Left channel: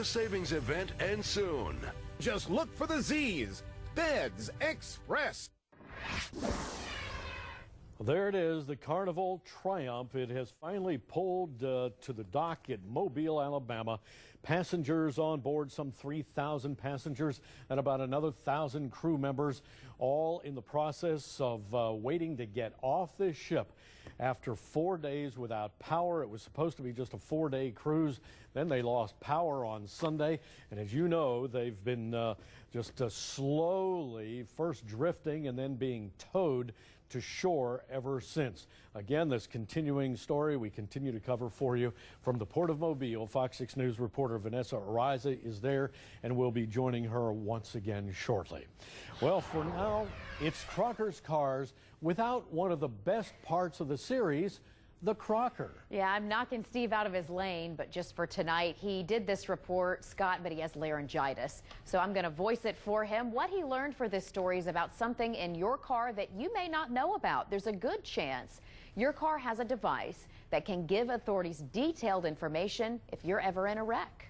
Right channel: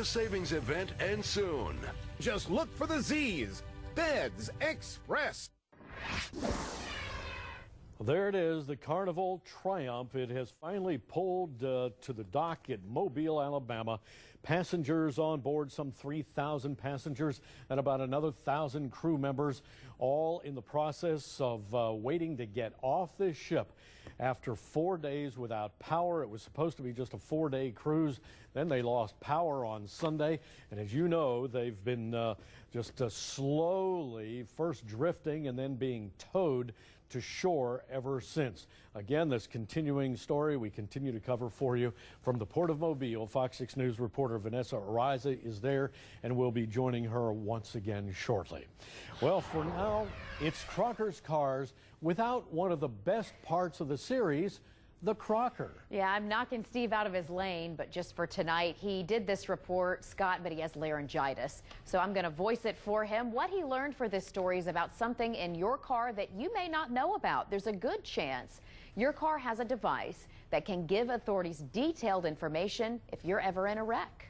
The savings event ends soon. Just look for the Z's. Beds Express. There it is, the Carnival Triumph. It has finally pulled to the dock at Mobile, Alabama. Passengers on board, some 3,000 passengers and about another 1,000 crew members, all in the process of waiting to get off this ship. After 4 days without power, it was supposed to be just a 4-day cruise. Then they lost power on Sunday. And as you know, they've been just slowly first drifting and then being towed to shore ever since. Again, this continuing story we continue to cover for you from the Port of Mobile. Fox 6 News reporter Vanessa Ariza is there, and we'll be joining her once again shortly. Well, for now, it's Crocker's Cars without one of the best parts of the series, the Crocker. Yeah, I'm knocking Steve out of his lane, but just for tonight, he did this report, Scott, but he has laryngitis. So I'm going to voice it for him. What he learned for this story is about something in your car that you may not know about. There's a good chance your car has a device that can give authorities detailed information if you're ever in a wreck.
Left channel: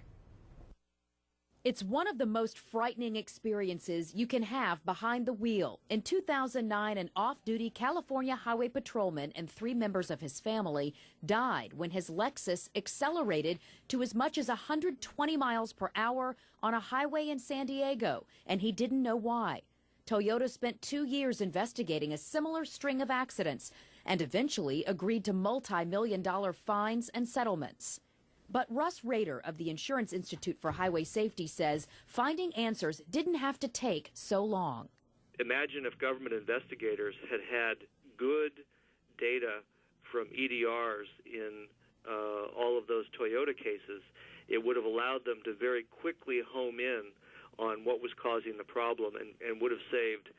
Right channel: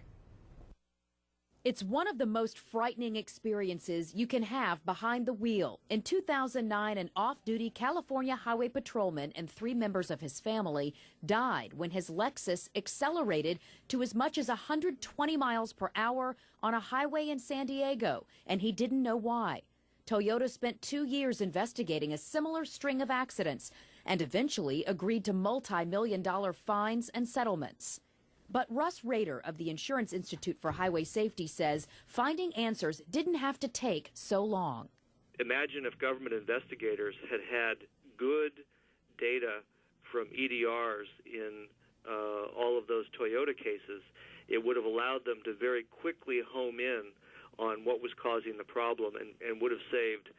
It's one of the most frightening experiences you can have behind the wheel. In 2009, an off-duty California highway patrolman and 3 members of his family died when his Lexus accelerated to as much as 120 miles per hour on a highway in San Diego, and he didn't know why. Toyota spent 2 years investigating a similar string of accidents and eventually agreed to multi-million-dollar fines and settlements. But Russ Rader of the Insurance Institute for Highway Safety says finding answers didn't have to take so long. Imagine if government investigators had good data from EDRs in all of those Toyota cases. It would have allowed them to very quickly home in on what was causing the problem and would have saved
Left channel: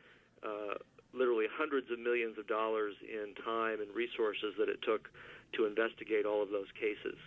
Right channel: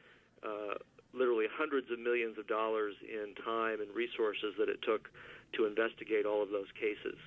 literally hundreds of millions of dollars in time and resources that it took to investigate all of those cases.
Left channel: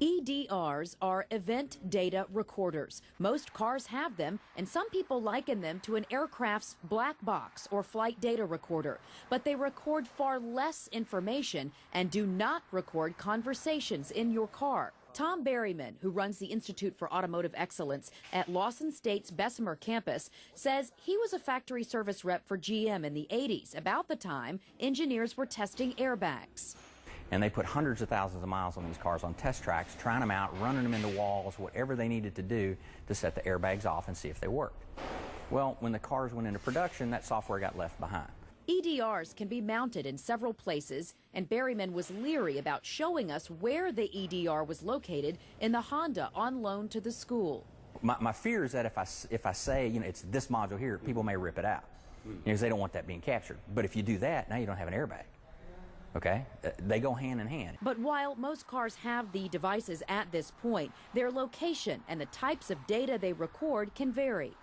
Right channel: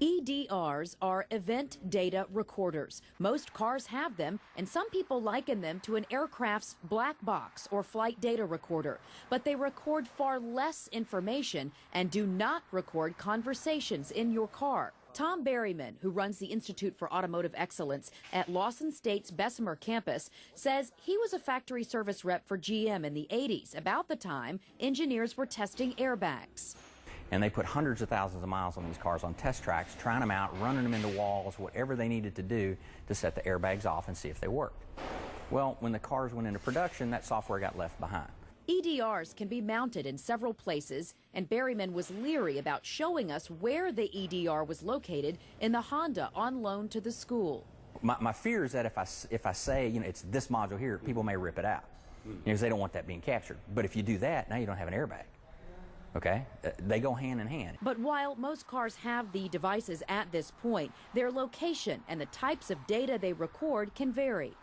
EDRs are event data recorders. Most cars have them, and some people liken them to an aircraft's black box or flight data recorder. But they record far less information and do not record conversations in your car. Tom Berryman, who runs the Institute for Automotive Excellence at Lawson State's Bessemer campus, says he was a factory service rep for GM in the 80s, about the time engineers were testing airbags. And they put hundreds of thousands of miles on these cars on test tracks, trying them out, running them into walls, whatever they needed to do to set the airbags off and see if they worked. Well, when the cars went into production, that software got left behind. EDRs can be mounted in several places, and Berryman was leery about showing us where the EDR was located in the Honda on loan to the school. My fear is that if I say, it's this module here, people may rip it out because they don't want that being captured. But if you do that, now you don't have an airbag. Okay? They go hand in hand. But while most cars have the devices at this point, their location and the types of data they record can vary.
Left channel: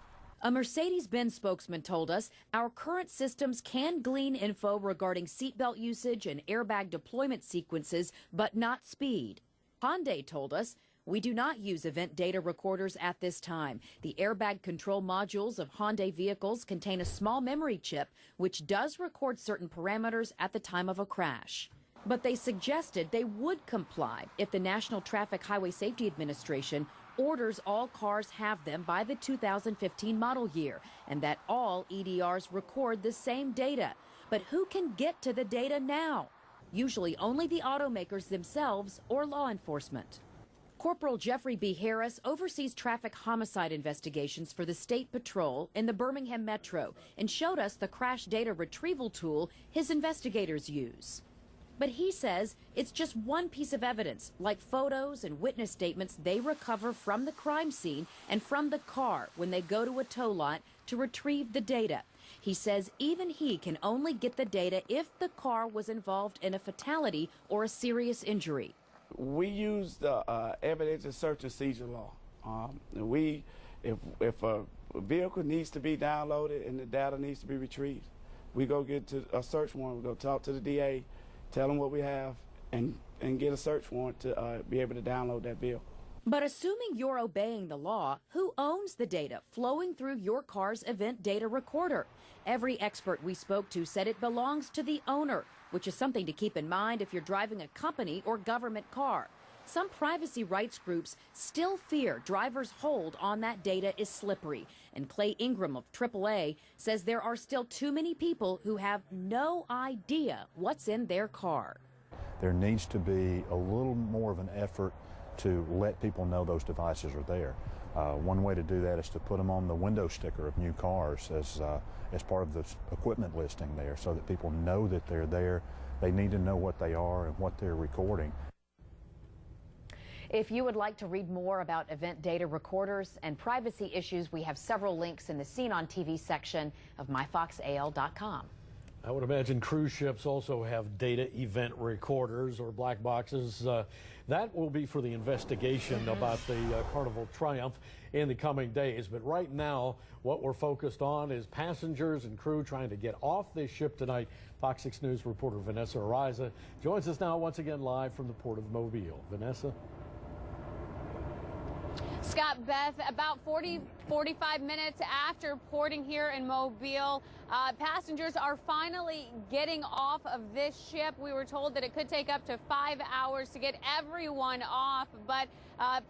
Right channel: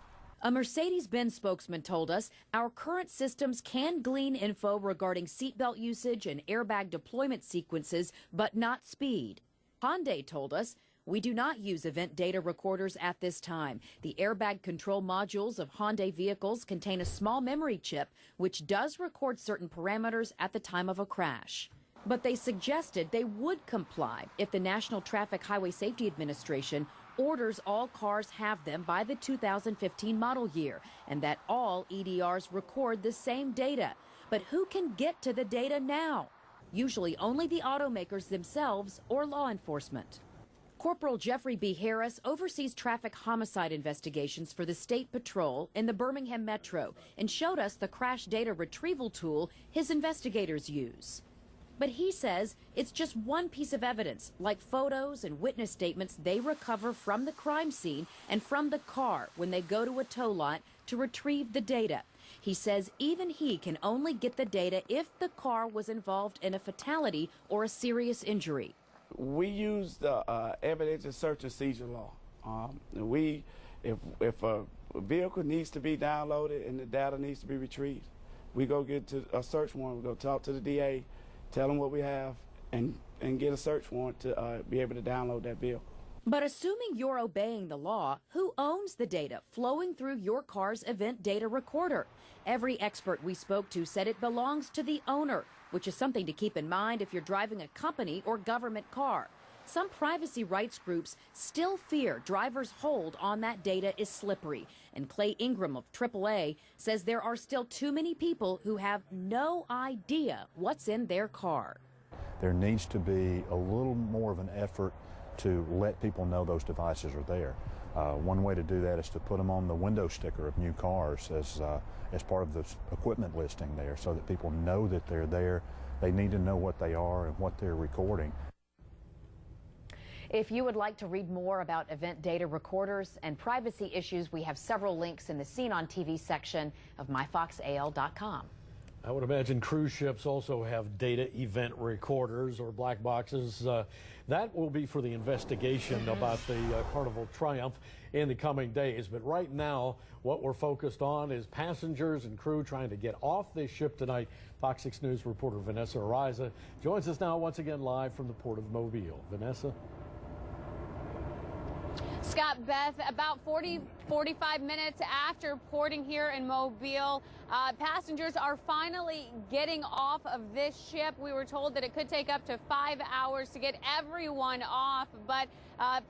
A Mercedes-Benz spokesman told us our current systems can glean info regarding seatbelt usage and airbag deployment sequences, but not speed. Hyundai told us we do not use event data recorders at this time. The airbag control modules of Hyundai vehicles contain a small memory chip which does record certain parameters at the time of a crash. But they suggested they would comply if the National Traffic Highway Safety Administration orders all cars have them by the 2015 model year, and that all EDRs record the same data. But who can get to the data now? Usually only the automakers themselves or law enforcement. Corporal Jeffrey B. Harris oversees traffic homicide investigations for the State Patrol in the Birmingham Metro and showed us the crash data retrieval tool his investigators use. But he says it's just one piece of evidence, like photos and witness statements they recover from the crime scene and from the car when they go to a tow lot to retrieve the data. He says even he can only get the data if the car was involved in a fatality or a serious injury. We use the evidence and search and seizure law. If a vehicle needs to be downloaded and the data needs to be retrieved, we go get to a search warrant. We go talk to the DA, tell them what we have, and get a search warrant to be able to download that bill. But assuming you're obeying the law, who owns the data flowing through your car's event data recorder? Every expert we spoke to said it belongs to the owner, which is something to keep in mind if you're driving a company or government car. some privacy rights groups still fear drivers' hold on that data is slippery. And Clay Ingram of AAA says there are still too many people who have no idea what's in their car. There needs to be a little more of an effort to let people know those devices are there. One way to do that is to put them on the window sticker of new cars as part of the equipment listing there, so that people know that they're there. They need to know what they are and what they're recording. If you would like to read more about event data recorders and privacy issues, we have several links in the Seen on TV section of myfoxal.com. I would imagine cruise ships also have data event recorders or black boxes. That will be for the investigation about the Carnival Triumph in the coming days. But right now, what we're focused on is passengers and crew trying to get off this ship tonight. Fox 6 News reporter Vanessa Ariza joins us now once again live from the Port of Mobile. Vanessa? Scott, Beth, about 45 minutes after porting here in Mobile, passengers are finally getting off of this ship. We were told that it could take up to 5 hours to get everyone off, but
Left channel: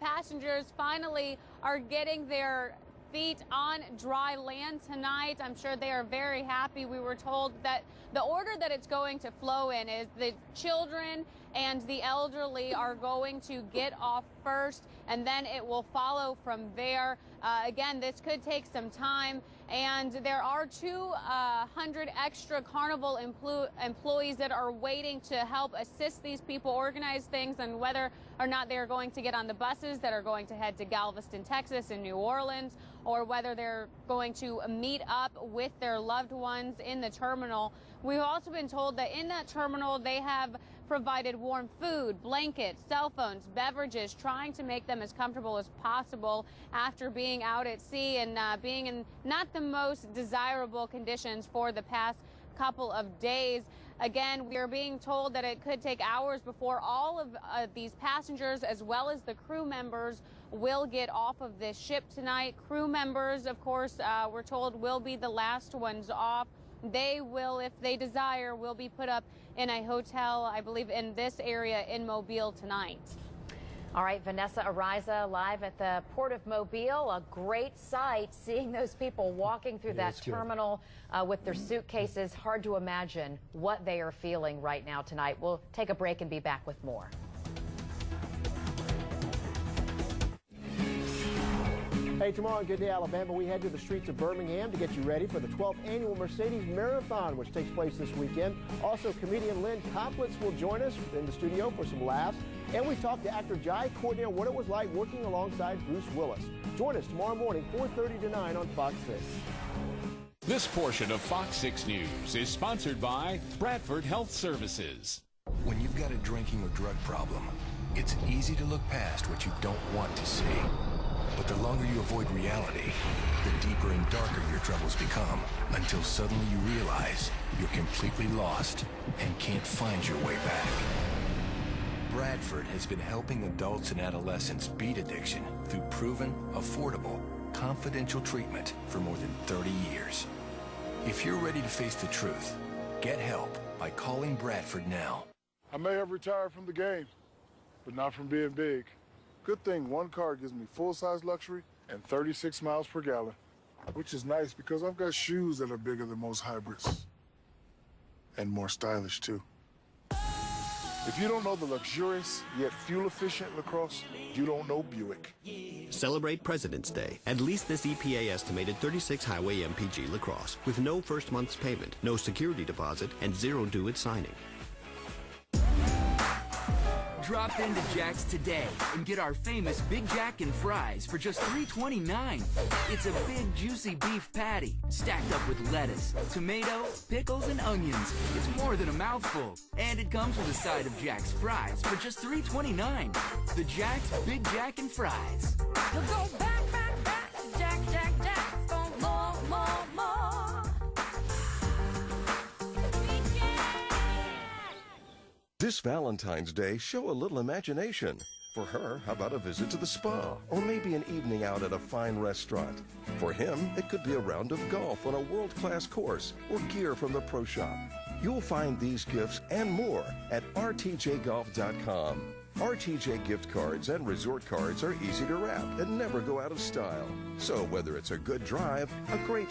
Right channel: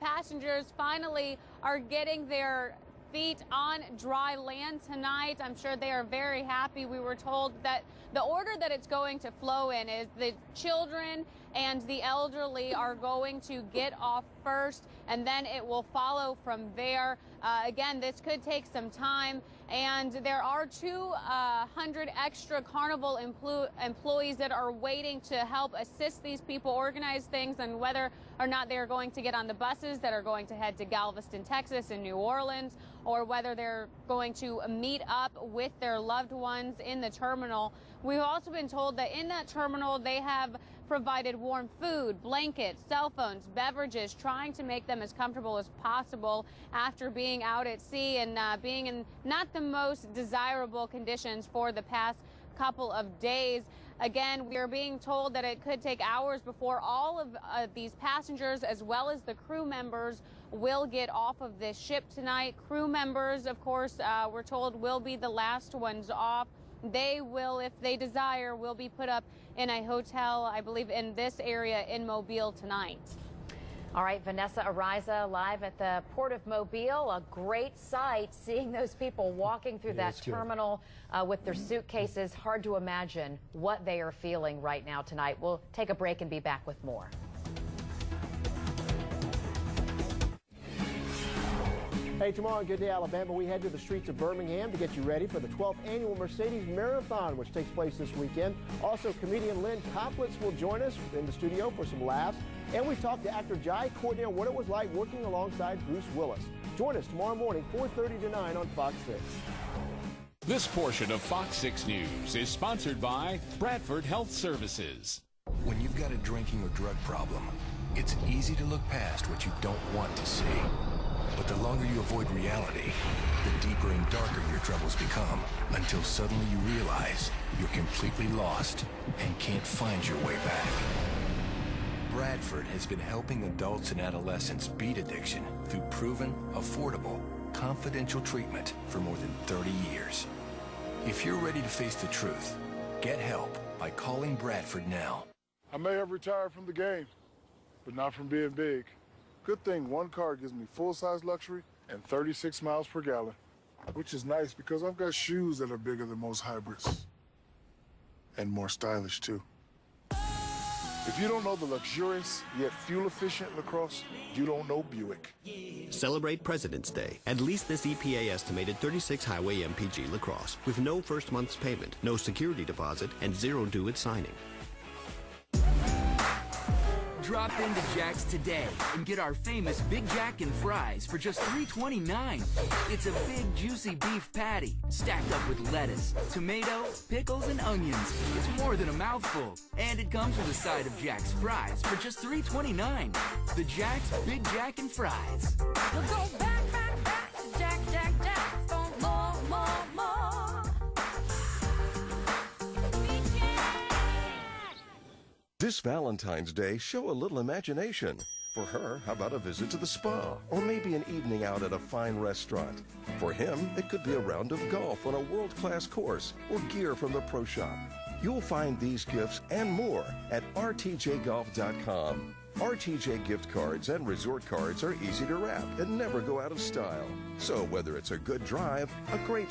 passengers finally are getting their feet on dry land tonight. I'm sure they are very happy. We were told that the order that it's going to flow in is the children and the elderly are going to get off first, and then it will follow from there. Again, this could take some time, and there are 200 extra Carnival employees that are waiting to help assist these people organize things and whether or not they're going to get on the buses that are going to head to Galveston, Texas and New Orleans, or whether they're going to meet up with their loved ones in the terminal. We've also been told that in that terminal they have provided warm food, blankets, cell phones, beverages, trying to make them as comfortable as possible after being out at sea and being in not the most desirable conditions for the past couple of days. Again, we are being told that it could take hours before all of these passengers as well as the crew members will get off of this ship tonight. Crew members, of course, we're told will be the last ones off. They will, if they desire, will be put up in a hotel, I believe, in this area in Mobile tonight. All right, Vanessa Ariza live at the Port of Mobile. A great sight, seeing those people walking through that terminal with their suitcases. Hard to imagine what they are feeling right now tonight. We'll take a break and be back with more. Hey, tomorrow on Good Day Alabama, we head to the streets of Birmingham to get you ready for the 12th annual Mercedes Marathon, which takes place this weekend. Also, comedian Lynn Koplitz will join us in the studio for some laughs. And we talked to actor Jai Cordell what it was like working alongside Bruce Willis. Join us tomorrow morning, 4:30 to 9 on Fox 6. This portion of Fox 6 News is sponsored by Bradford Health Services. When you've got a drinking or drug problem, it's easy to look past what you don't want to see. But the longer you avoid reality, the deeper and darker your troubles become, until suddenly you realize you're completely lost and can't find your way back. Bradford has been helping adults and adolescents beat addiction through proven, affordable, confidential treatment for more than 30 years. If you're ready to face the truth, get help by calling Bradford now. I may have retired from the game, but not from being big. Good thing one car gives me full-size luxury and 36 miles per gallon, which is nice because I've got shoes that are bigger than most hybrids. And more stylish, too. If you don't know the luxurious yet fuel-efficient LaCrosse, you don't know Buick. Celebrate President's Day and lease this EPA-estimated 36 Highway MPG LaCrosse with no first month's payment, no security deposit, and zero due at signing. Drop into Jack's today and get our famous Big Jack and fries for just $3.29. It's a big, juicy beef patty stacked up with lettuce, tomato, pickles, and onions. It's more than a mouthful. And it comes with a side of Jack's fries for just $3.29. The Jack's Big Jack and fries. Jack, Jack, Jack, go more, more, more. This Valentine's Day, show a little imagination. For her, how about a visit to the spa? Or maybe an evening out at a fine restaurant. For him, it could be a round of golf on a world-class course or gear from the pro shop. You'll find these gifts and more at rtjgolf.com. RTJ gift cards and resort cards are easy to wrap and never go out of style. So whether it's a good drive, a great